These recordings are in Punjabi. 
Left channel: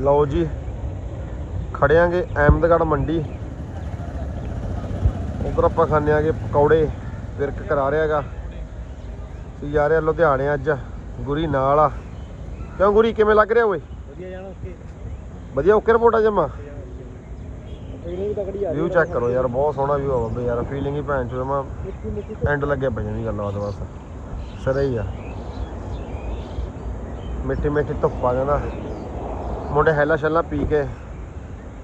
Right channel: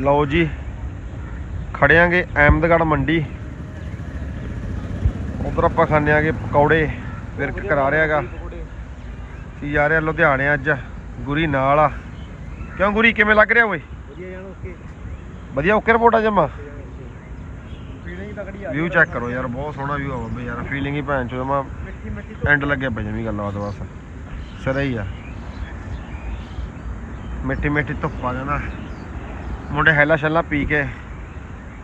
ਲਓ ਜੀ ਖੜਿਆਂਗੇ ਅਹਿਮਦਗੜ੍ਹ ਮੰਡੀ। ਉਧਰ ਆਪਾਂ ਖਾਣੇ ਆਗੇ ਪਕੌੜੇ ਵਿਰਕ ਕਰਾ ਰਿਹਾਗਾ ਕੀ ਜਾ ਰਿਹਾ ਲੁਧਿਆਣੇ ਅੱਜ ਗੁਰੀ ਨਾਲ ਆ। ਕਿਉਂ ਗੁਰੀ ਕਿਵੇਂ ਲੱਗ ਰਿਹਾ ਓਏ? ਵਧੀਆ ਜਾਣਾ ਓਕੇ। ਵਧੀਆ ਓਕੇ ਰਿਪੋਰਟ ਆ ਜਮਾ? ਵਿਊ ਚੈੱਕ ਕਰੋ ਯਾਰ ਬਹੁਤ ਸੋਹਣਾ ਵਿਊ ਆ ਬੱਬੇ ਯਾਰ ਫੀਲਿੰਗ ਹੀ ਭੈਣ ਚੋ ਜਮਾ। ਐਂਡ ਲੱਗੇ ਪਈ ਜਮੀ ਗੱਲਾਂ ਬਾਤ ਬਸ। ਸਿਰੇ ਹੀ ਆ। ਮਿੱਠੀ ਮਿੱਠੀ ਧੁੱਪ ਆ ਜਾਂਦਾ। ਮੁੰਡੇ ਹੈਲਾ ਛੱਲਾ ਪੀ ਕੇ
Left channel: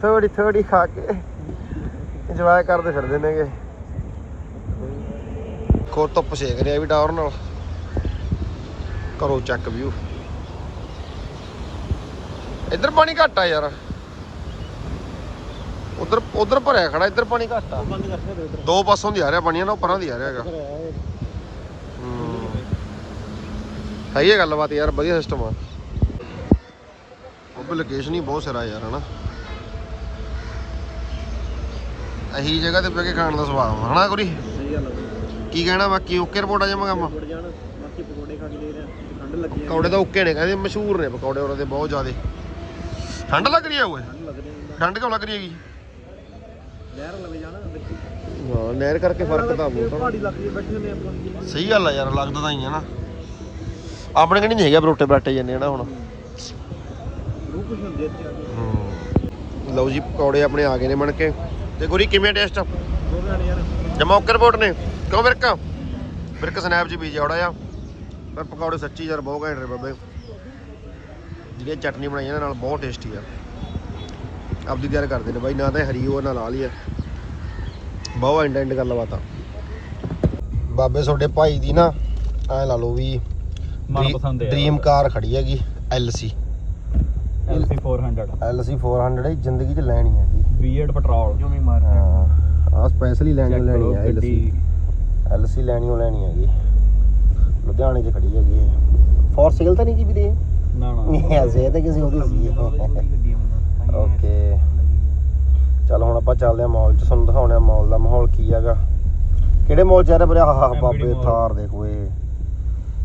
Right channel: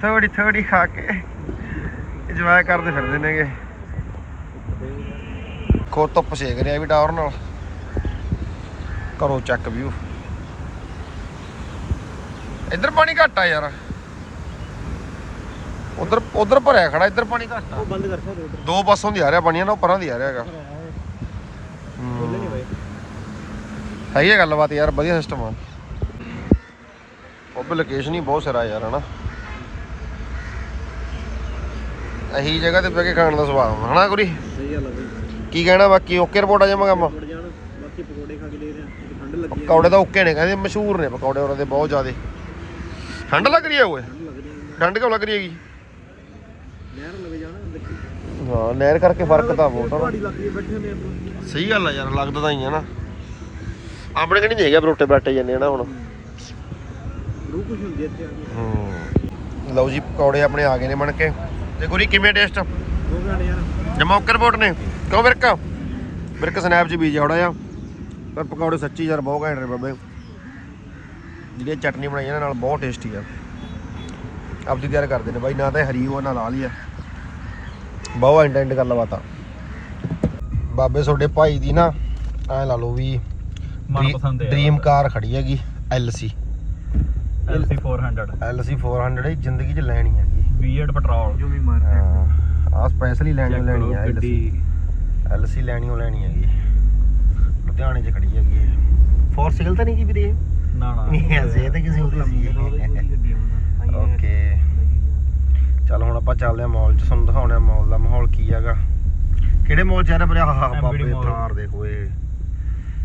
ਥੋੜੀ ਥੋੜੀ ਖਾ ਕੇ ਇੰਜੋਏ ਕਰਦੇ ਫਿਰਦੇ ਨੇਗੇ। ਖੋ ਧੁੱਪ ਸੇਕ ਰਿਹਾ ਵੀ ਟਾਵਰ ਨਾਲ। ਕਰੋ ਚੱਕ ਵਿਊ ਇੱਧਰ ਪਾਣੀ ਘੱਟ ਆ ਯਾਰ। ਉਧਰ ਉਧਰ ਭਰਿਆ ਖੜਾ ਇੱਧਰ ਪਾਣੀ ਘੱਟ ਆ। ਉਹ ਬੰਦ ਕਰ ਸਕਦੇ ਉਧਰ ਦੋ ਪਾਸੋਂ ਦੀ ਆ ਰਿਹਾ ਪਾਣੀ ਨਾ ਪਰਾਂ ਦੀ ਆ ਰਿਹਾ ਹੈਗਾ। ਖੁੱਲੇ ਨਹੀਂ ਹੋਏ। ਹੈਗੀ ਆ ਗੱਲਬਾਤ ਯਾਰ ਵਧੀਆ ਸਿਸਟਮ ਆ। ਉਹ ਲੋਕੇਸ਼ਨ ਹੀ ਬਹੁਤ ਸਾਰਾ ਯਾਰ ਹਨਾ। ਅਹੀ ਜਗ੍ਹਾ ਤੇ ਬਹਿ ਕੇ ਖਾਣ ਦਾ ਸੁਭਾਅ ਆ, ਹਨਾ ਗੁਰੀ ਸਹੀ ਗੱਲ ਆ ਬਈ। ਕੀ ਕਹਿਣਾ ਬਾਕੀ ਓਕੇ ਰਿਪੋਰਟ ਆ ਜਾਵਾਂ ਕੰਮ ਬਾਕੀ ਪਕੌੜੇ ਖਾ ਕੇ ਲੈ ਰਹੇ ਆ ਠੰਡ ਲੱਗੀ ਆ। ਪਕੌੜੇ ਤਾਂ ਓਕੇ ਨੇ ਕਹਿੰਦੇ ਮਸ਼ਹੂਰ ਨੇ ਪਕੌੜੇ ਉਹਨਾਂ ਦੇ ਬਹੁਤ ਜ਼ਿਆਦੇ। ਠੰਡ ਲੱਗ ਰਹੀ ਆ ਓਏ? ਠੰਡ ਕਿਉਂ ਲੱਗ ਰਹੀ ਹੈਗੀ? ਨਹਿਰ ਲਵੇ ਜਾਣਾ ਵਿੱਚ ਹਾਂ ਨਹਿਰ ਕਰਕੇ ਫ਼ਰਕ ਤਾਂ ਬਹੁਤ ਪਹਾੜੀ ਲੱਗੀ ਬੈਠੇ ਨੇ ਆਪਾਂ। ਸਹੀ ਗੱਲ ਆ ਯਾਰ ਲੱਗਦਾ ਤਾਂ ਹੀ ਆ ਨਾ। ਆਪਣੇ ਕਣੀ ਨਹੀਂ ਹੈਗਾ ਬਰੋਟੇ ਬਰਾਟੇ ਜਾਂਦੇ ਨਾ ਹੁਣ। ਰੂਹ ਕੁਝ ਹੁੰਦੀ ਆ ਇੱਥੇ ਆ ਕੇ। ਹੂੰ। ਲਓ ਜੀ ਪਕੌੜੇ ਆਪਣੇ ਆ ਗਏ ਨੇ ਬਣ ਕੇ। ਤੇ ਗੁਰੀ ਕਿਵੇਂ ਟੇਸਟ? ਦੋ ਘੰਟੇ ਯਾਰ। ਰਿਪੋਰਟ ਨੇ। ਕਿਉਂ ਵਿਰਕਾ ਵਿਰਕ ਸਨੈਪ 'ਚ ਬੀਜ ਆਉੜਾ ਆ ਪਰ ਪਕੌੜੇ ਸੱਚੀ ਯਾਰ ਬਹੁਤ ਘੈਂਟ ਨੇ ਬਾਬੇ। ਜਿਹੜੀ ਚਟਨੀ ਬਣਾਈ ਇਹਦੇ ਨਾਲ ਬਹੁਤ ਟੇਸਟੀ ਆ। ਆਪਦੀ ਤਿਆਰ ਕਰਦੇ ਨੇ ਬਾਈ ਨਾ ਤਾਂ ਹਰੀ ਉਹ ਨਾ ਲਾਲ ਹੀ ਆ। ਬਹੁਤ ਐਂਡ ਐਂਡ ਗੱਲਬਾਤ ਆ ਬਾਬੇ ਤੁਹਾਡੇ ਭਾਈ ਦੀ ਨਾ ਐ ਲਾ ਲਓ ਵੀ ਮਨਪਸੰਦ ਹੈ ਡ੍ਰੀਮ ਕਾਰ ਖੜੀ ਹੈਗੀ LC LC 400 LC 400 ਇਹ ਜ਼ਿੰਦਗੀ 'ਚ ਲੈਣੀ ਹੈਗੀ V8 ਪੈਟਰੋਲ ਜੋ ਵੀ ਮਾਰ ਹਾਂ। ਆ ਸਪੈਸ਼ਲੀ ਲੈਣੀ ਓ ਲੈਣੀ ਆ LC LC ਲੈਣੀ ਓ ਲੈਣੀ ਹੈਗੀ। ਲੁਧਿਆਣੇ 'ਚ ਖੜੀ ਹੈਗੀ ਇਹ। ਫੋਰ ਸਿਗਲ ਤਾਂ ਨਹੀਂ ਕੀ ਵੀਰੇ ਨਾ ਨਾ। ਨਹੀਂ ਐਸੇ ਤੇ ਕਿਸੇ ਉਹਦੀ ਸੀ। ਓਕੇ ਚੱਲ ਹੁਣ ਆਪਾਂ ਚੱਲਦੇ ਆ ਮਾਲ 'ਚ ਤੁਹਾਨੂੰ ਦਿਖਾਉਣਾ ਮਾਲ ਦਾ ਮਾਹੌਲ ਕੀ ਹੈਗਾ। ਕਿਹੜੇ ਮਾਲ 'ਚ ਆ ਰਿਹਾ ਬਾਬੇ। ਥਾਰ ਦੇਖੋ ਇਹ।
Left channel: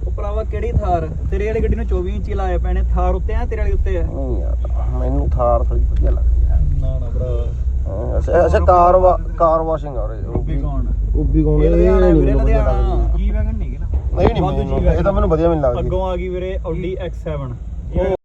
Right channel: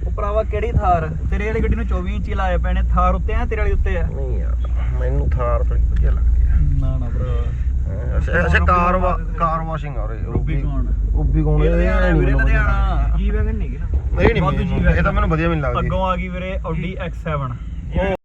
ਉਹ ਭਰਾਵਾ ਕਿਹੜੀ ਥਾਰ? ਤੇਰੇ ਵਾਲੀ ਗੱਡੀ ਨੂੰ 24 ਇੰਚੀ ਲਾਏ ਪਏ ਨੇ ਥਾਰ ਉੱਤੇ ਆ ਤੇਰੇ ਵਾਲੀ ਉੱਤੇ ਆ? ਨਹੀਂ ਯਾਰ ਮੈਨੂੰ ਥਾਰ ਥੋੜੀ ਵਧੀਆ ਲੱਗਦੀ ਆ। ਨਾ ਨਾ ਭਰਾ। ਹਾਂ, ਅੱਛਾ ਅੱਛਾ ਕਾਰ ਕਾਰ ਵਾਸ਼ਿੰਗ ਆ ਰਹੀ। ਰੂਬੀ। ਕੌਣ? ਇਹ ਲੁਧਿਆਣਾ ਵੀਰੇ ਲੁਧਿਆਣਾ। ਨਹੀਂ ਜੀ ਵੈਗਨ ਨਹੀਂ ਨਾ? ਨਹੀਂ ਇਹ ਤਾਂ ਮੈਨੂੰ ਵਧੀਆ ਮੈਨੂੰ ਲੱਗਦੀ। ਅੱਗੋਂ ਆ ਗਈ ਵੀਰੇ Audi X7 ਉਹ